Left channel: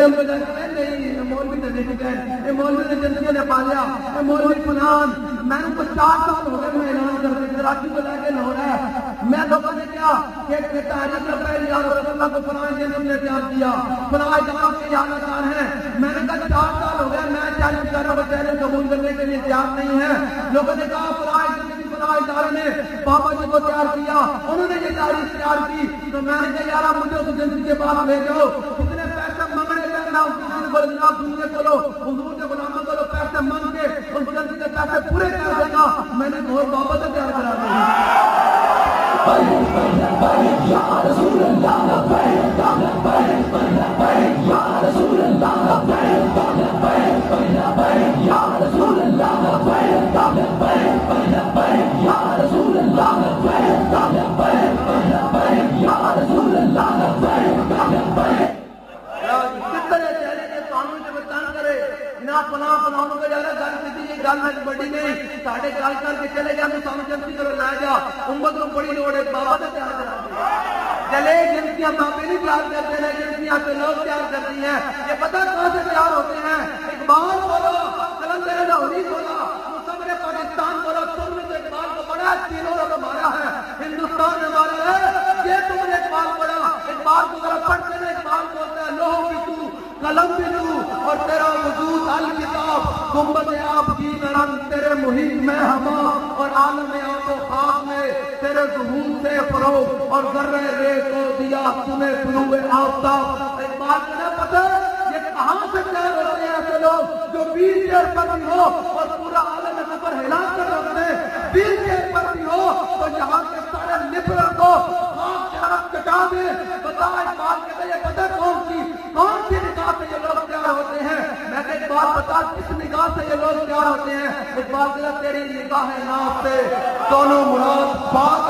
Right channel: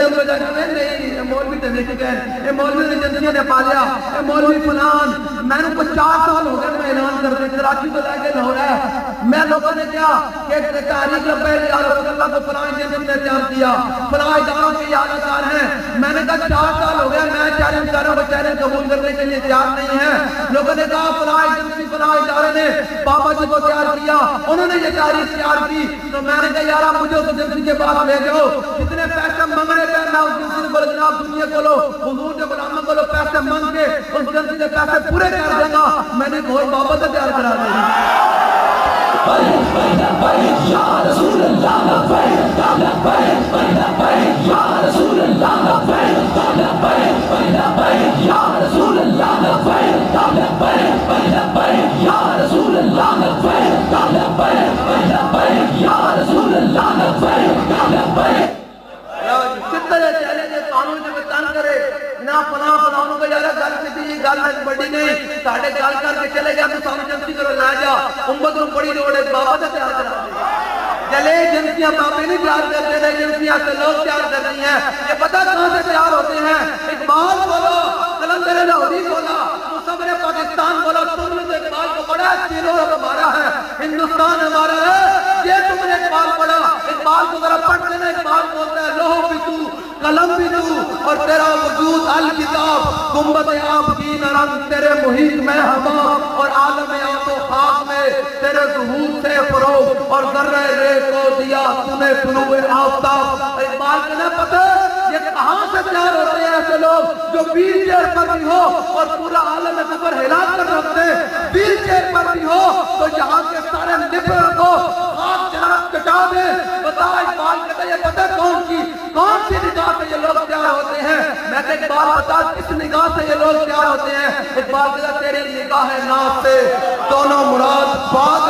نہیں مولوی تے نہیں گئے یہ مولوی نے ایجنسیاں نے پالیا یہ مولوی فلان میں نے کو 4 سال ہو گئے میں اعلان کر دے کراچی میں لے کے لاہور ہے میں لوگوں نے کیا کہ تحریک لبیک یا رسول اللہ کو فلاں ایجنسی نے تیار کیا فلاں اداروں کے اعلان کار ہیں میں نے کہا 4 سال ہو گئے میں چیلنج کر رہا ہوں چیلنج قبول کرنے کے لیے تیار نہیں ہے لوگوں نے کہا فلاں ایجنسی فلاں ادارے نے بابا جی کو تیار کیا انہوں نے یہ تاریخ تیار کی تو میں نے کہا یار مجھے اس ایجنسی کے پاس لے جاؤ کتنے پیسے منگ رہے تھے میں اس ایجنسی کو جناب دنیا کو حضور کے غلاموں کو پیسے مانگ کے اس ایجنسی کے پیسے پورے کر دے گا میں نے گھوڑ بابا سے تیار کرا دیا یا رسول اللہ یا رسول اللہ یا رسول اللہ یا رسول اللہ یا رسول اللہ کتنے چیلنج قانون سے بتان کرے نہ پناہ پناہوں کا جارہ گھر کسی گل بڑی نہیں ساڑھے گال کر کے چلے گیا تو سامنے جنسی کرو لے جا امت کو بڑی دوڑ ہے بابا سے تیار کرا دے چلے ایجنسیاں بابے نہیں تیار کرتے ہیں ایجنسیاں سے لوگ تیار کرتی ہیں یہ پتہ کہاں سے تیار ہوتے ہیں اقبال بولا قلندر لاہوری بولا مصور پاکستان بولا تم نے تو اقبال کو پڑھا تینوں کا ہمارا ہے ہندوستان ہمارا ہے یہ تم نے اقبال پڑھا اقبال کو ذرا پڑھ لینا اقبال بولتا ہے لوہ بھی تو قلم بھی تو اور تیرا وجود الکتاب گنبد آپ کی نرم تیرے محیط میں ہوا اور عالم آپ و خاک میں تیرے ظہور سے فروغ اور ذرہ رے کو دیا تمہیں طلوع آفتاب اقبال کو نہ پتہ یہ کہاں سے تیار ہوتے ہیں ایسے لوگ جو ویل چیئر پر بھی ہو اور پورا عالم کفر ہلا کر رکھتے ویل چیئر پر بھی ہو تو یہاں کے سارے لبرل کو خاک جناب کٹا دے بتا اقبال کہتا ہے یہ پتہ کون سی نگاہ سے یہ لوگ تیار ہوتے ہیں میں کہ اقبال بتا کس نگاہ سے یہ لوگ تیار ہوتے ہیں اقبال کہتا تیری نگاہ ناف سے دونوں مراد باغ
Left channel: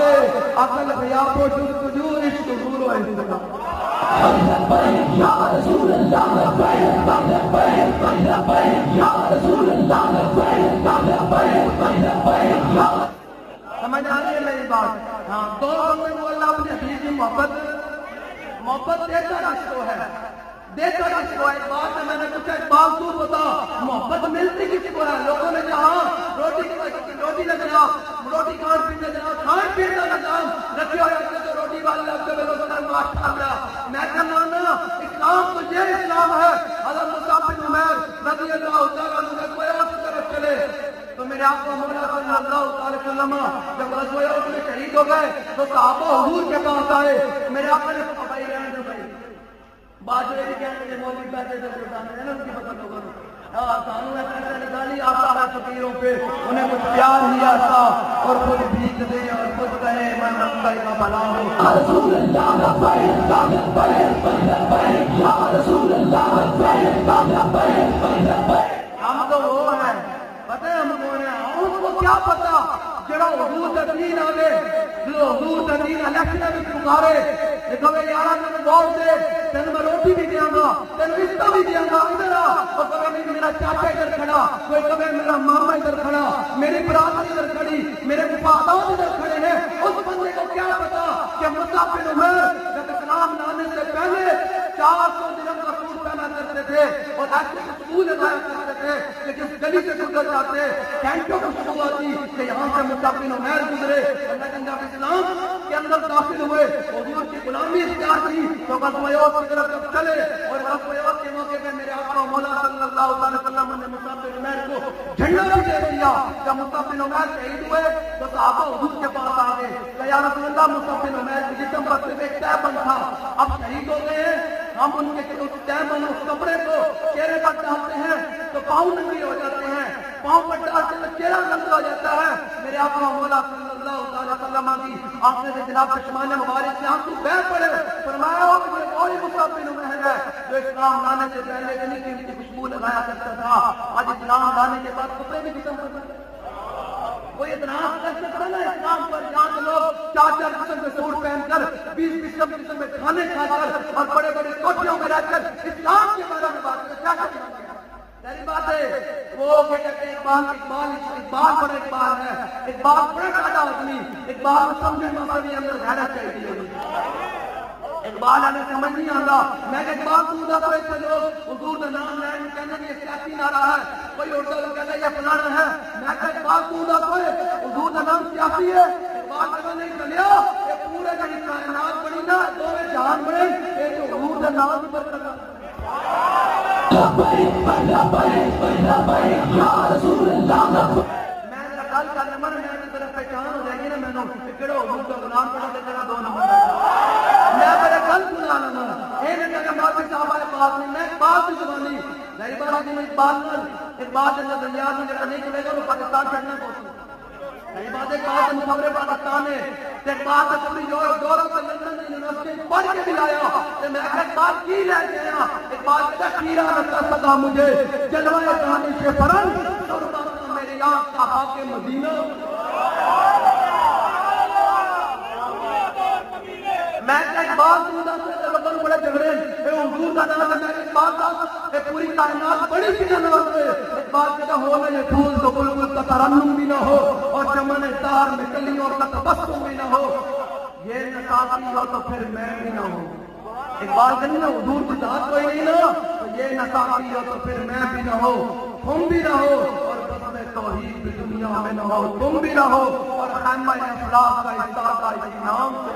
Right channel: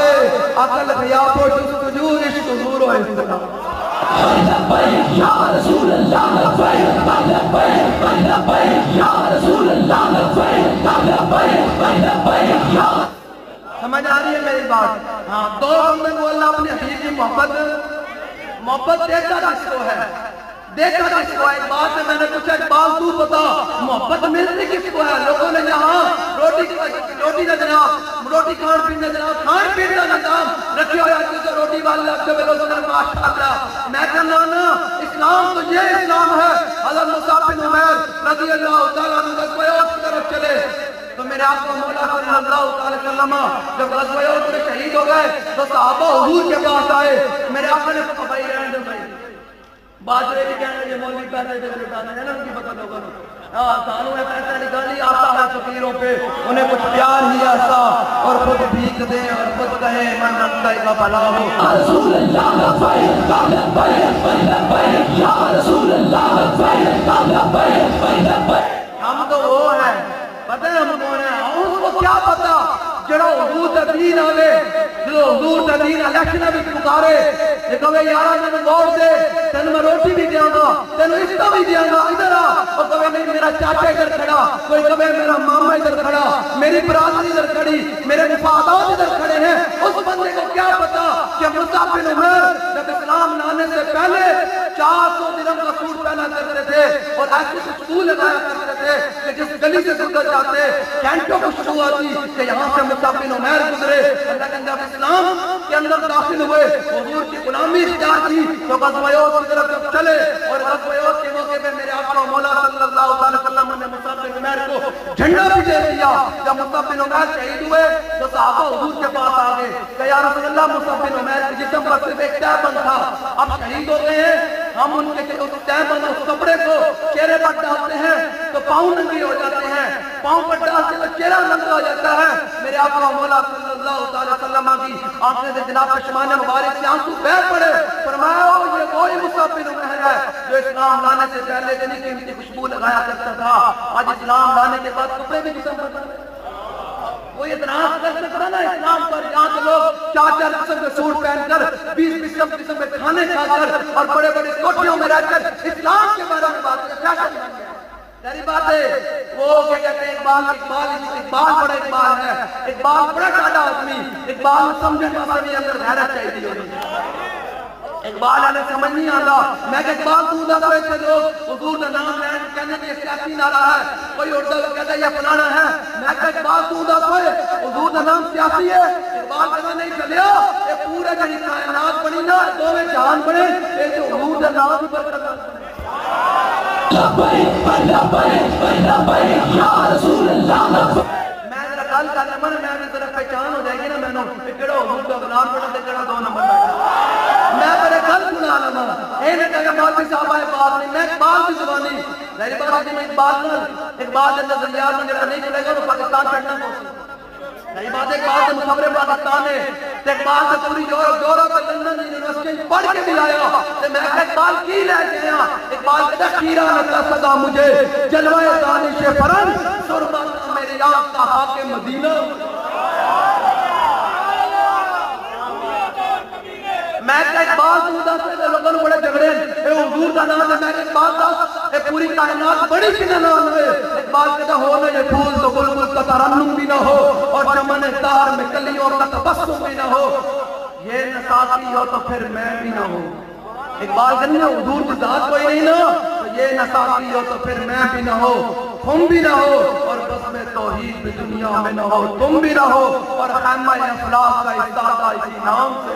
عقل غیاب و جستجو عشق حضور و انتقام یا رسول اللہ یا رسول اللہ سمجھ آ رہی ہے میری بات ہاں دو بندے کو اللہ اپنے حبیب کی محبت دیکھا رشتہ ہے دیکھا کس کو ہے بات ہے میں نے پوچھا اقبال تو بتا محبت ملتی کس کو ہے لوگوں نے یہاں روٹی کا جناب روٹی کھان پین کا جناب کھان پین کا نظام رکھی ہو جاتی تو روٹی والے آپ کے بلوزر ماشاءاللہ میں کہنا نا اسلام تو یہ اسلام ہے حضرت مصعب بن عمیر رضی اللہ تعالیٰ عنہ غزوہ احد کی طرف چلے تو میرے آپ کو مولا صلی اللہ تعالیٰ وسلم جب غزوہ احد میں شہید ہو گئے تو صحابہ حضور کے پاس آئے میرے آپ نے کہا بھائی رہنے دو بھائی باجرے بھی کہنے یہ مولوی پیسے دے دیتا ہے نا ان کی پتہ لوگوں نے سانوں نے پیسے نکالی آتا ہے فقیروں پہ انہیں کچھ پیار ہی آتا اور خود بھیک دے اور خود کہے میں رمضائی کا بھلا ہوں یا رسول اللہ یا رسول اللہ ہم تو وہ ہیں پتہ ہے ہم کون ہیں اس کو کیا پتا جڑا حضور تدرین آوے جو حضور تدرین الیکشن بھی گزارے یہ کہے یارہ میں ووٹ دے تین میں روٹی بھی دیا گا تین رشتہ بھی دیا گا ادھر آ اور کہے نہیں میرا چاچا ادھر کھڑا کوئی کہے میرا ماما ادھر کھڑا میری برادری ادھر کھڑی میرے مفادات ادھر کھڑے ہیں اس بندے کو کیا پتا کہ مصعب بن عمیر جب اسلام لانے سے پہلے 400 درہم کا سوٹ پہنا کرتے تھے اور ایسے سکول لگایا کرتے تھے کہ جس گلی سے گزر جاتے کینٹوں کو شروع آتی کہ یہاں سے مصعب بن عمیر گزرے اللہ کے اندر اسلام کے اندر داخل ہوئے حضور کی غلامی اختیار کی تو غزوہ احد کی طرف چلے اور غزوہ احد کے موقع پہ میرے آقا مولا صلی اللہ علیہ وسلم نے مصعب بن عمیر کو جھنڈا بھی دے دیا جب مصعب بن عمیر شہید ہوئے تو صحابہ حضور کے پاس آ گئے کہ یا رسول اللہ مصعب بن عمیر کے جسم پر صرف ایک تیربند تھا اب شہید ہو گئے ہیں ہم ان کے اس تیربند اس کپڑے کو چہرے پر ڈالتے ہیں تو پاؤں ننگے ہو جاتے ہیں پاؤں پر ڈالتے تو چہرہ ننگا ہو جاتا ہے میرے آقا مولا صلی اللہ علیہ وسلم کی آنکھیں سے جناب پشمان مبارک سے آنسو بہہ پڑے فرمایا یہ وہی مصعب بن عمیر ہے جو اسلام لانے سے پہلے دن قیمتی خوشبو لگایا کرتا تھا آج اسلام لانے کے بعد کپڑے بھی جسم پر کوئی اعتراض کر سکتا نا اسلام پر جہاں کے لوگ 4 قسم کے سوٹ پہن کر 20 قسم کے کھانے کھا کر اور بڑے بڑے کوٹھیوں میں رہ کر اسلام کے بارے میں بات کر کیا کرتے میری بات ہے وہ کیا کہتے ہیں اقبال بڑا اقبال ہے اقبال بڑا ٹاٹا آدمی اقبال سمجھنے کا بھی اندر غیرت چاہیے اقبال آنے سمجھ نہیں آتا میں کہ اقبال تو دا کوئی سے لوگ حضور کا نام لین کہنے کہ سیاسی نعرہ ہے، کوئی اردو کو کہتا ہے یہ فلانا ہے، میں کہ اقبال تو دا کوئی حضور کا نام سیاسی ہے، اقبال کہتا نہیں چلیا یہ پورے جڑی کائنات بنی نا دو میں جہان بنے یہ تو حضور کا نام ہی پر کرنا یا رسول اللہ میں نے گل کر لما میں بھی طرف پہچان ہو جائے گی نا میں نے کہڑا حضور کا غلام پڑھا تے کہڑا دو نمبر میں میرے گل سنا لما اے نے کہا بات بھی صاحب ہے بات نہیں میں اقبال کی زبانی میری بات ہے میں اقبال کے اندر زندیار میں جڑا نہیں چلے گا وہ پاکستان چھڑنا پوسی نہیں بات اقبال کے مقابلے پاکستان ہے تے اقبال کا پوری یورپ لندن یونیورسٹی پڑھ کے دلایا تے میں اقبال کی لے گیا اقبال کا خیرہ نہ صدا مجھے جلوہ دانش فرنگ سربت میری آنکھ کا حاکم مدینہ میں کہ اقبال تو دس لوگوں بڑے جھگڑے اے حضور کا نام ہے میں کہ اقبال دا اے پوری کائنات بڑی کنے نام ہے اقبال کہتا ہو میں یہ پھول تو بلبل کا ترنم بھی نہ ہو اور چمن دار میں کلیوں کا تبسم بھی نہ ہو یہ نصافی ہو تو پھر میں بھی نہ ہوں اقبال کہتے ہیں حضور کی ذات کوئی نہیں نا تو یہ نصافی ہو تو پھر میں بھی نہ ہو تم بھی نہ ہو اور بسم توحید بھی دنیا میں نہ ہو تم بھی نہ ہو اور خیمہ افلاح کا استادہ اسی نام سے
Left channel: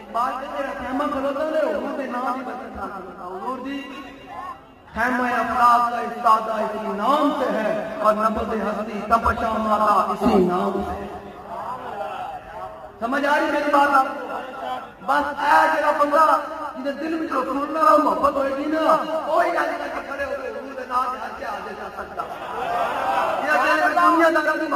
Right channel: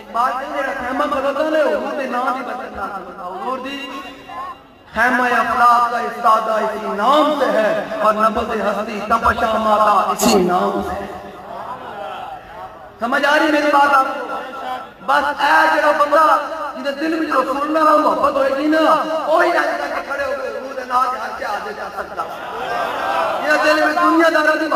اقبال کہتے ہیں خیمہ کھلوتا ہے حضور دی نام دی بچت نہ حضور دی خیمہ افلاح کا استادہ اسی نام سے ہے اور نبض ہستی تپشا ماتا اسی نام سے ہے سمجھ آ رہی میری بات آپ کو بس اے جڑا بندہ جنہیں دل میں جو رسول اللہ محبت ہوئے گی نا وہی آج تک کھڑے ہو گئے حضور دے نام کے ہاتھ سے آدھے کر سکتا یہ دل میں دنیا دارہ دی